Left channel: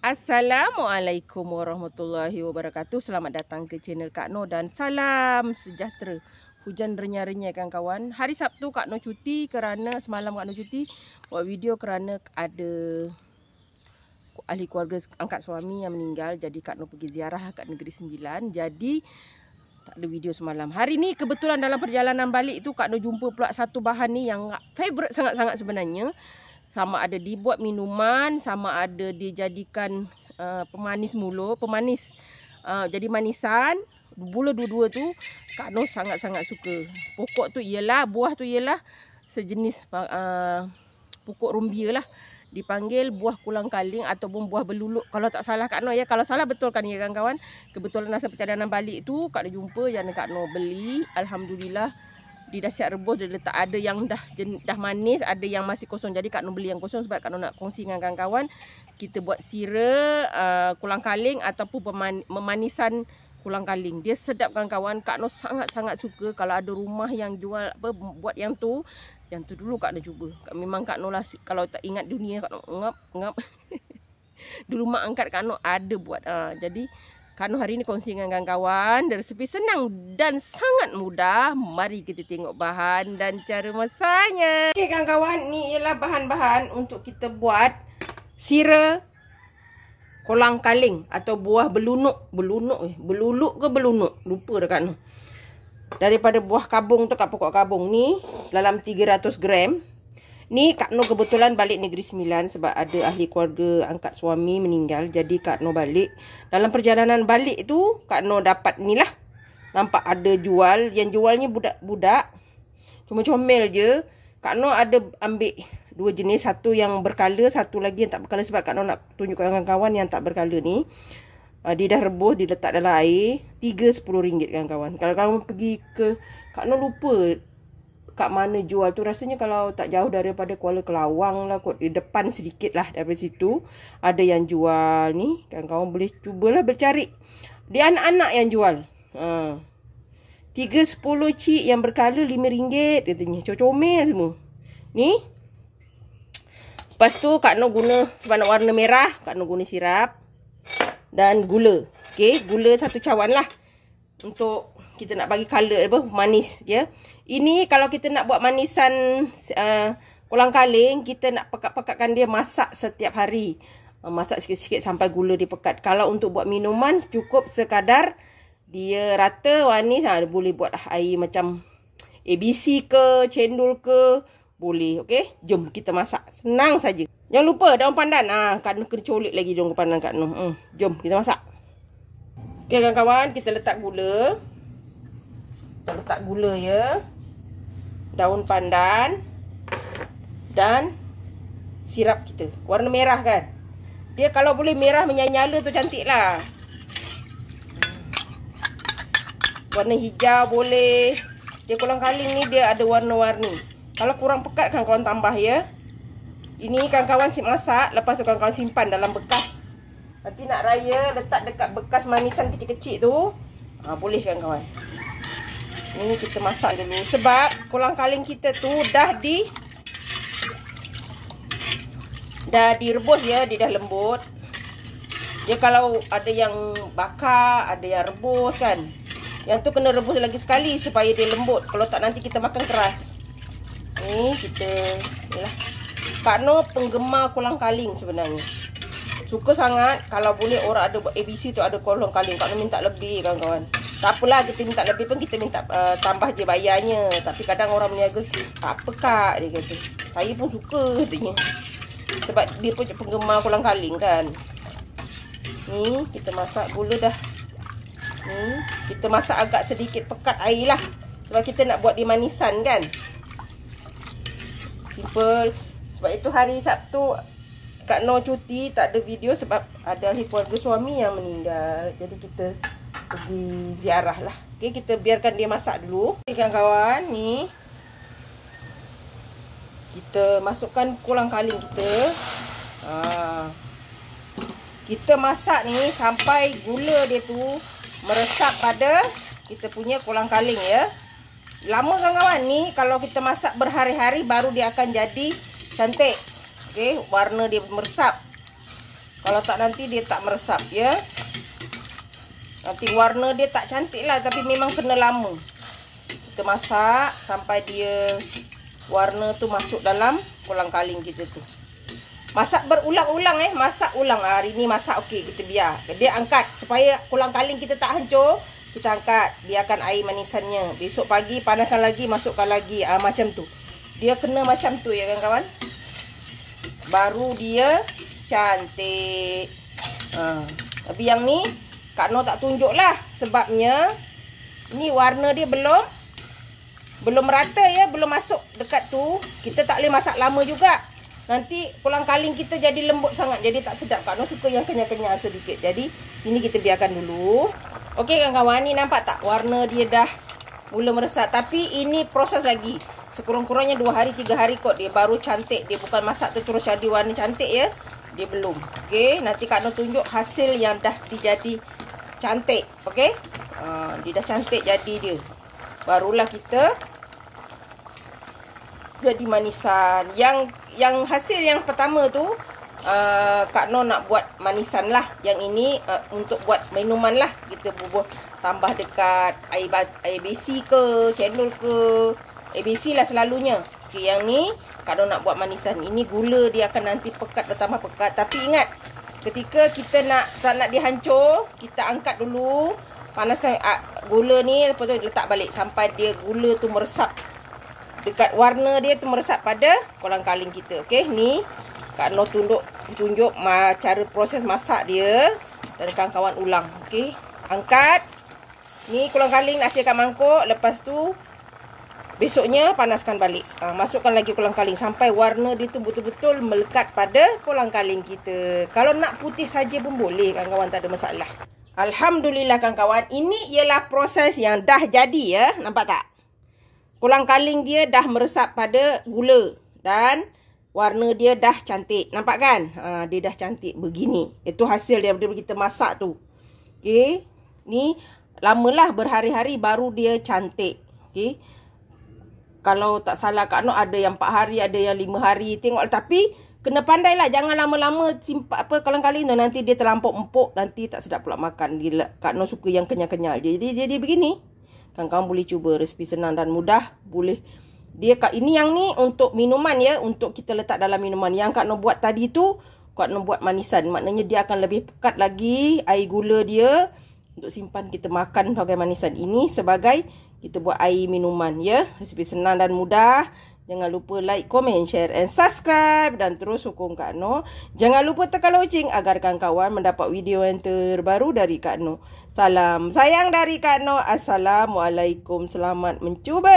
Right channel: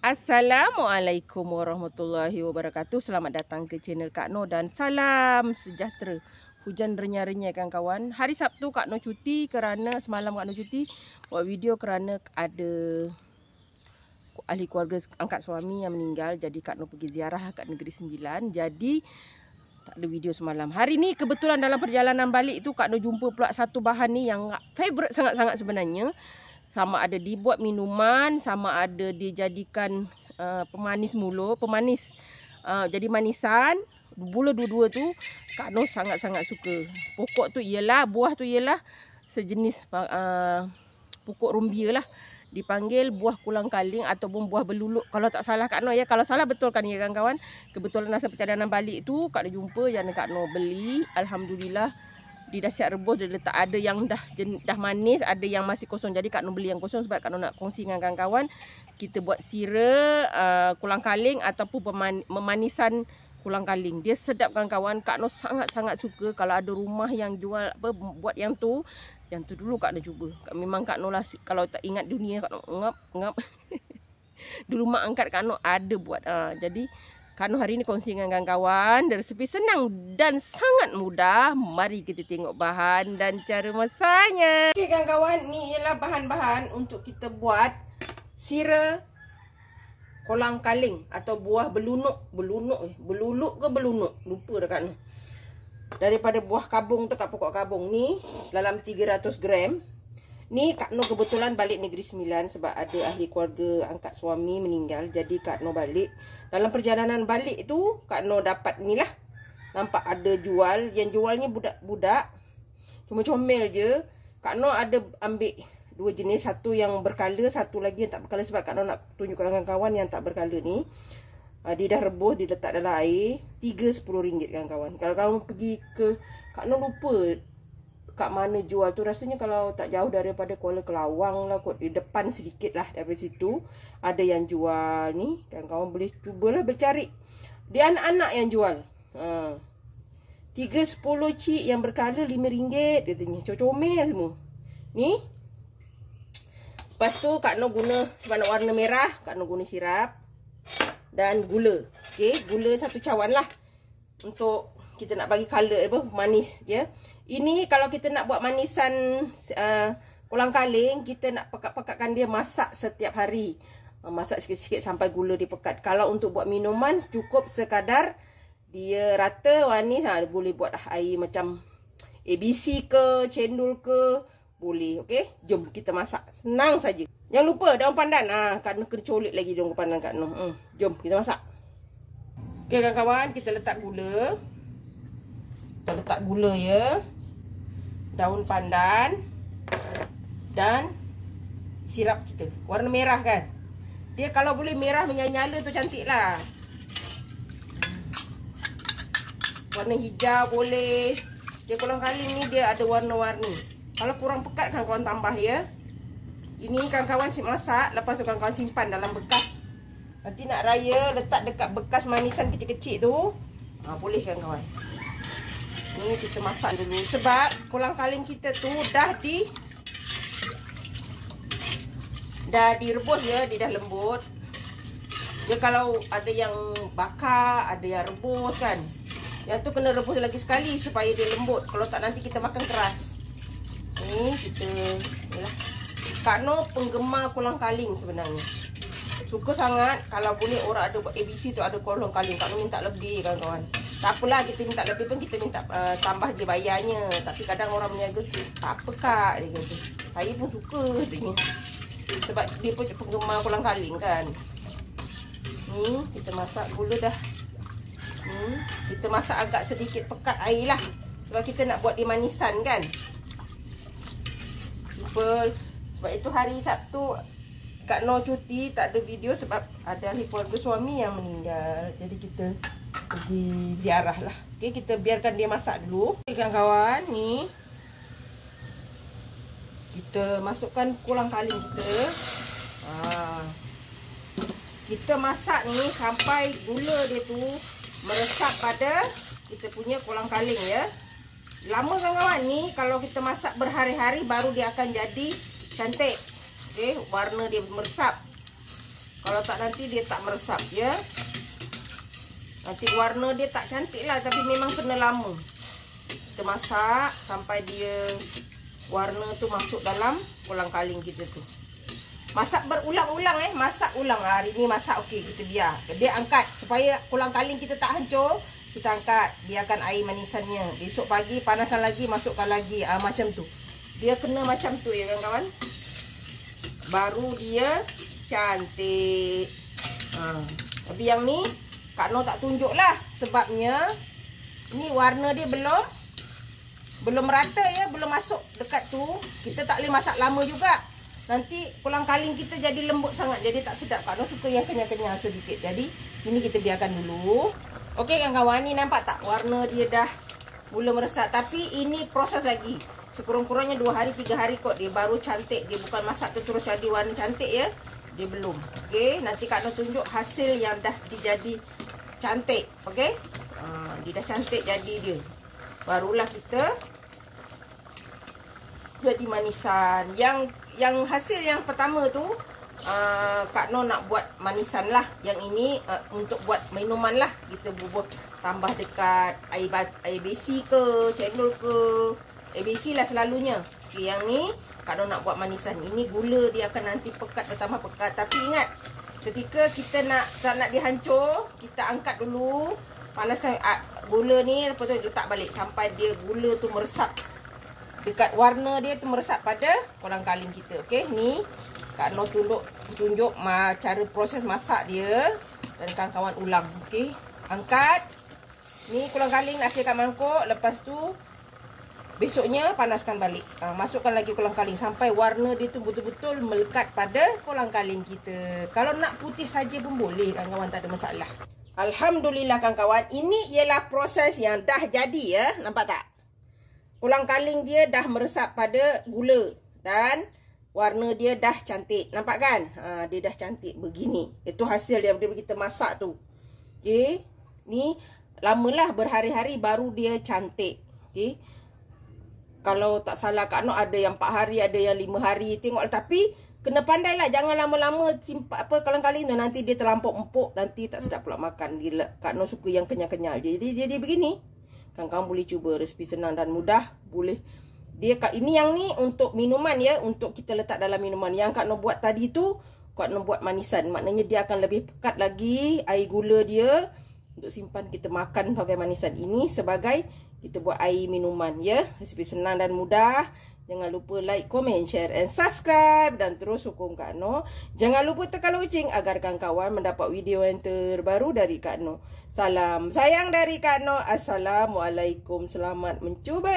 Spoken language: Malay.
Assalamualaikum warahmatullahi wabarakatuh. Selamat datang ke channel Kak Noh dan salam sejahtera. Hujan renyah-renyah kawan-kawan. Hari Sabtu Kak Noh cuti kerana semalam Kak Noh cuti buat video kerana ada ahli keluarga angkat suami yang meninggal. Jadi Kak Noh pergi ziarah kat Negeri Sembilan. Jadi tak ada video semalam. Hari ni kebetulan dalam perjalanan balik tu Kak Noh jumpa pula satu bahan ni yang favourite sangat-sangat sebenarnya. Sama ada dibuat minuman, sama ada dijadikan pemanis mulut, pemanis jadi manisan. Mula dua-dua tu Kak Noh sangat-sangat suka. Pokok tu ialah, buah tu ialah sejenis pokok rumbia lah. Dipanggil buah kulang kaling ataupun buah beluluk. Kalau tak salah Kak Noh ya. Kalau salah betulkan ya kawan-kawan. Kebetulan masa perjalanan balik tu Kak Noh jumpa yang Kak Noh beli. Alhamdulillah. Dia dah siap rebus, dia letak ada yang dah manis, ada yang masih kosong. Jadi Kak Noh beli yang kosong sebab Kak Noh nak kongsi dengan kawan-kawan. Kita buat sira kulang kaling ataupun memanisan kulang kaling. Dia sedap kawan-kawan. Kak Noh sangat-sangat suka kalau ada rumah yang jual apa buat yang tu. Yang tu dulu Kak Noh cuba. Memang Kak Noh lah kalau tak ingat dunia Kak Noh ngap. Dulu mak angkat Kak Noh ada buat. Jadi Kak Noh hari ni kongsi dengan kawan-kawan. Resepi senang dan sangat mudah. Mari kita tengok bahan dan cara masaknya. Okey kawan-kawan, ni ialah bahan-bahan untuk kita buat sira kolang kaling atau buah belunuk. Beluluk ke belunuk? Lupa dah Kak Noh. Daripada buah kabung tu kat pokok kabung ni dalam 300 gram. Ni Kak Noh kebetulan balik Negeri Sembilan sebab ada ahli keluarga angkat suami meninggal. Jadi Kak Noh balik. Dalam perjalanan balik tu Kak Noh dapat ni lah. Nampak ada jual. Yang jualnya budak-budak. Cuma comel je. Kak Noh ada ambil dua jenis. Satu yang berkala, satu lagi yang tak berkala. Sebab Kak Noh nak tunjukkan kawan-kawan yang tak berkala ni. Dia dah rebus, dia letak dalam air. 3 RM10 kawan-kawan. Kalau kamu pergi ke Kak Noh lupa kat mana jual tu, rasanya kalau tak jauh daripada Kuala Kelawang lah kot, di depan sedikit lah daripada situ ada yang jual ni. Kawan-kawan boleh cubalah bercari. Dia anak-anak yang jual. 3-10 cik yang berkala RM5 katanya. Comel semua. Ni. Lepas tu Kak Noh guna sebab nak warna merah, Kak Noh guna sirap dan gula. Okey, gula 1 cawan lah. Untuk kita nak bagi color apa manis ya. Ini kalau kita nak buat manisan kolang kaling, kita nak pekat-pekatkan dia, masak setiap hari. Masak sikit-sikit sampai gula dia pekat. Kalau untuk buat minuman cukup sekadar dia rata manis, boleh buat air macam ABC ke, cendol ke, boleh. Okey, jom kita masak. Senang saja. Jangan lupa daun pandan. Kak Noh kena colik lagi daun pandan Kak Noh. Jom kita masak. Okey kawan-kawan, kita letak gula. Kita letak gula ya. Daun pandan dan sirap kita. Warna merah kan. Dia kalau boleh merah menyala-nyala tu cantik lah. Warna hijau boleh. Dia kolang kaling ni dia ada warna-warni. Kalau kurang pekat kan kawan tambah ya. Ini kawan-kawan masak, lepas tu kawan-kawan simpan dalam bekas. Nanti nak raya letak dekat bekas manisan kecil-kecil tu. Boleh kawan-kawan. Ini kita masak dulu. Sebab kolang kaling kita tu dah direbus ya. Dia dah lembut. Dia kalau ada yang bakar, ada yang rebus kan. Yang tu kena rebus lagi sekali supaya dia lembut. Kalau tak nanti kita makan keras. Ni kita yalah. Kak Noh penggemar kolang kaling sebenarnya. Suka sangat. Kalau boleh orang ada buat ABC tu ada kolang kaling. Kak Noh minta lebih kawan-kawan. Tak apalah kita minta lebih pun kita minta tambah je bayarnya. Tapi kadang orang berniaga tak apa Kak dia kata. Saya pun suka katanya. Sebab dia pun penggemar kolang kaling kan. Ni kita masak gula dah. Ni kita masak agak sedikit pekat air lah. Sebab kita nak buat dia manisan kan. Simple. Sebab itu hari Sabtu Kak Noh cuti, tak ada video sebab ada ahli keluarga suami yang meninggal. Jadi kita pergi ziarah lah. Okey, kita biarkan dia masak dulu. Okey kawan-kawan, ni kita masukkan kolang kaling kita. Kita masak ni sampai gula dia tu meresap pada kita punya kolang kaling ya. Lama kawan-kawan, ni kalau kita masak berhari-hari baru dia akan jadi cantik. Okey, warna dia meresap. Kalau tak nanti dia tak meresap ya. Nanti warna dia tak cantik lah, tapi memang kena lama. Kita masak sampai dia warna tu masuk dalam kolang-kaling kita tu. Masak berulang-ulang masak ulang. Hari ni masak okey, kita biar. Dia angkat supaya kolang-kaling kita tak hancur. Kita angkat, biarkan air manisannya. Besok pagi panaskan lagi, masukkan lagi. Macam tu. Dia kena macam tu ya kawan-kawan. Baru dia cantik. Tapi yang ni Kak Noh tak tunjuk lah. Sebabnya ni warna dia belum merata ya, belum masuk dekat tu. Kita tak boleh masak lama juga. Nanti kolang-kaling kita jadi lembut sangat, jadi tak sedap. Kak Noh suka yang kenyal-kenyal sedikit. Jadi ini kita biarkan dulu. Okey kawan-kawan, ni nampak tak warna dia dah mula meresap. Tapi ini proses lagi. Sekurang-kurangnya 2 hari 3 hari kot dia baru cantik. Dia bukan masak tu terus jadi warna cantik ya. Dia belum. Okey, nanti Kak Noh tunjuk hasil yang dah dijadi cantik. Okey. Dia dah cantik jadi dia. Barulah kita jadi manisan. Yang hasil yang pertama tu Kak Noh nak buat manisan lah. Yang ini untuk buat minuman lah. Kita bubuh tambah dekat air besi ke, cendol ke. Air besi lah selalunya. Okay, yang ni Kak Noh nak buat manisan. Ini gula dia akan nanti pekat, bertambah pekat. Tapi ingat, ketika kita tak nak dia hancur, kita angkat dulu. Panaskan gula ni, lepas tu letak balik sampai dia gula tu meresap. Dekat warna dia tu meresap pada kolang-kaling kita. Okey, ni Kak Noh tunjuk cara proses masak dia. Dan kawan-kawan ulang. Okey, angkat. Ni kolang-kaling nak siapkan mangkuk. Lepas tu besoknya panaskan balik. Masukkan lagi kolang-kaling sampai warna dia tu betul-betul melekat pada kolang-kaling kita. Kalau nak putih saja pun boleh kawan-kawan, tak ada masalah. Alhamdulillah kawan-kawan, ini ialah proses yang dah jadi ya. Nampak tak? Kolang-kaling dia dah meresap pada gula dan warna dia dah cantik. Nampak kan? Dia dah cantik begini. Itu hasil daripada kita masak tu. Okey. Ni lamalah berhari-hari baru dia cantik. Okey. Kalau tak salah Kak Noh ada yang 4 hari, ada yang 5 hari. Tengok, tapi kena pandailah, jangan lama-lama simpan kolang-kaling tu, nanti dia terlampau empuk, nanti tak sedap pula makan. Kak Noh suka yang kenyal-kenyal. Jadi begini. Kawan-kawan boleh cuba, resipi senang dan mudah. Boleh. Ini yang ni untuk minuman ya, untuk kita letak dalam minuman. Yang Kak Noh buat tadi tu, Kak Noh buat manisan. Maknanya dia akan lebih pekat lagi air gula dia untuk simpan kita makan sebagai manisan. Ini sebagai kita buat air minuman ya. Resipi senang dan mudah. Jangan lupa like, komen, share and subscribe. Dan terus sokong Kak Noh. Jangan lupa tekan loceng agar kawan-kawan mendapat video yang terbaru dari Kak Noh. Salam sayang dari Kak Noh. Assalamualaikum. Selamat mencuba.